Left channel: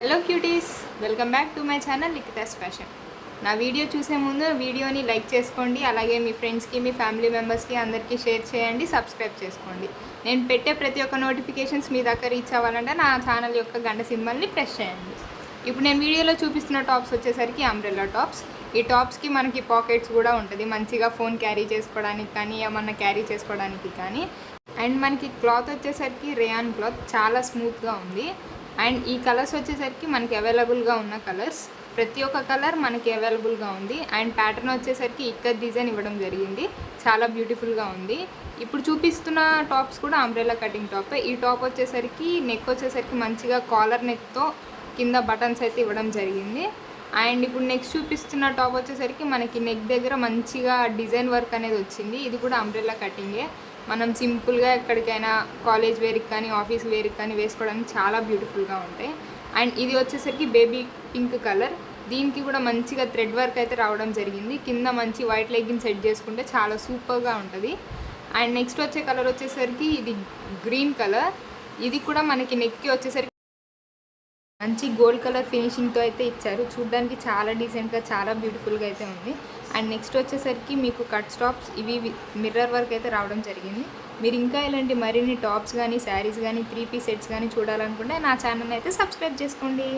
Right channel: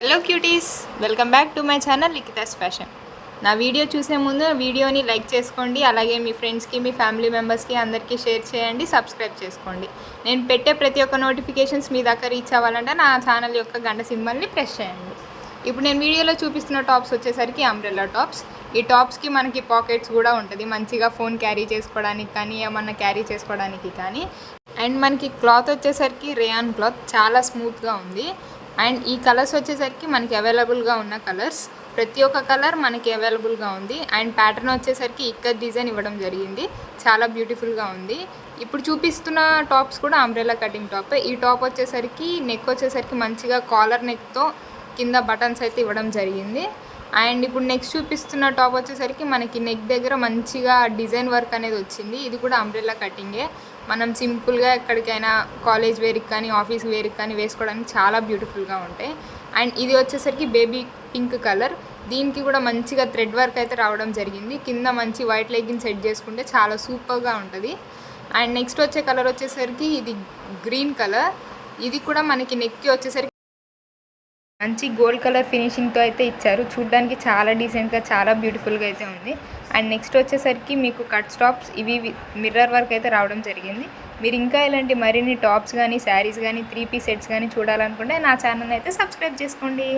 Hello cuties, welcome back to my channel Likhitas fashion. నా video చూసే ముందు వీడియోని లైక్ చేసుకోండి, అలాగే మీ ఫ్రెండ్స్కి, మీ ఫ్యామిలీ మెంబర్స్కి అందరికీ షేర్ చేయండి, సబ్స్క్రైబ్ చేసుకోండి. నేను పెట్టే ప్రతి ఒక్క నోటిఫికేషన్స్ మీ దగ్గర రీచ్ అవ్వాలంటే నా ఛానల్ యొక్క గంట సింబల్ని ప్రెస్ చేయండి. ఇప్పుడు నేను వీడియోలో చూపిస్తున్న టాప్స్ వచ్చేసరికి అంబ్రెల్లా టాప్స్. ఈ టాప్స్కి మనకి పాకెట్స్ కూడా ఉంటుంది, మంచిగా ఫోన్ క్యారీ చేసుకోవడానికి కానీ ఏమన్నా క్యారీ చేసుకోవడానికి కానీ. అండ్ మనకి క్లాత్ వచ్చేసరికి రేయాన్ క్లాత్, చాలా స్మూత్గా ఉంది. అండ్ ఈ కలర్స్ వచ్చేసరికి మనకి అవైలబుల్గా ఉన్న కలర్స్, ప్రతి ఒక్క కలర్ మనకి అవైలబుల్గా ఉంది. అండ్ ప్యాటర్న్ వచ్చేసరికి ఇక్కత్ డిజైన్ ఇవ్వడం జరిగింది, చాలా బ్యూటిఫుల్గా ఉంది. ఇప్పుడు చూపిస్తున్న టాప్స్ కూడా అంబ్రెల్లా కటింగ్ టాప్. ఈ టాప్ వచ్చేసరికి నెక్ వచ్చేసరికి మంచిగా కాలర్ నెక్తో కింద బటన్స్ అయితే ఇవ్వడం జరిగింది. అండ్ ఇప్పుడు నెక్స్ట్ చూపిస్తున్న టాప్ వచ్చేసరికి మనకి నెక్ దగ్గర మంచిగా డిజైన్ వర్క్ అనేది వచ్చింది. ఇది కూడా అంబ్రెల్లా కటింగే. మనం సింపుల్గా ఎక్కడికైనా కాలేజ్ వేర్కి కానీ ఆఫీస్ వేర్కి కానీ వేసుకోవడానికి చాలా బ్యూటిఫుల్గా ఉంటాయి. అండ్ ఇది వచ్చేసరికి బేబీ పింక్ కలర్, దీనికి కూడా మంచిగా థ్రెడ్ వర్క్ అయితే రావడం జరిగింది. కింద మంచి వైట్ లెగ్గిన్ సెట్ చేసుకుంటే చాలా సూపర్గా ఉంటుంది. అండ్ నెక్స్ట్ వచ్చే కలర్ వచ్చేసరికి ఇది గ్రీన్ కలర్, ఇది కూడా మనకి నెక్కి వచ్చేసరికి మంచి గోల్డ్ కలర్ ఫినిషింగ్తో అయితే ఇచ్చారు, చూడ్డానికి చాలా డీసెంట్గా చాలా బ్యూటిఫుల్గా అయితే ఉంది. అండ్ నెక్స్ట్ వచ్చేసరికి మీకు కట్ స్టాప్స్, ఇవి మిర్రర్ వర్క్ అయితే రావడం జరిగింది. మీరు ఇంకా ఇలాంటి మరిన్ని టాప్స్ కానీ శారీస్ కానీ 3 పీస్ సెట్స్ కానీ చూడాలనుకుంటే నా ఛానల్ అయితే సబ్స్క్రైబ్ చేసుకోండి.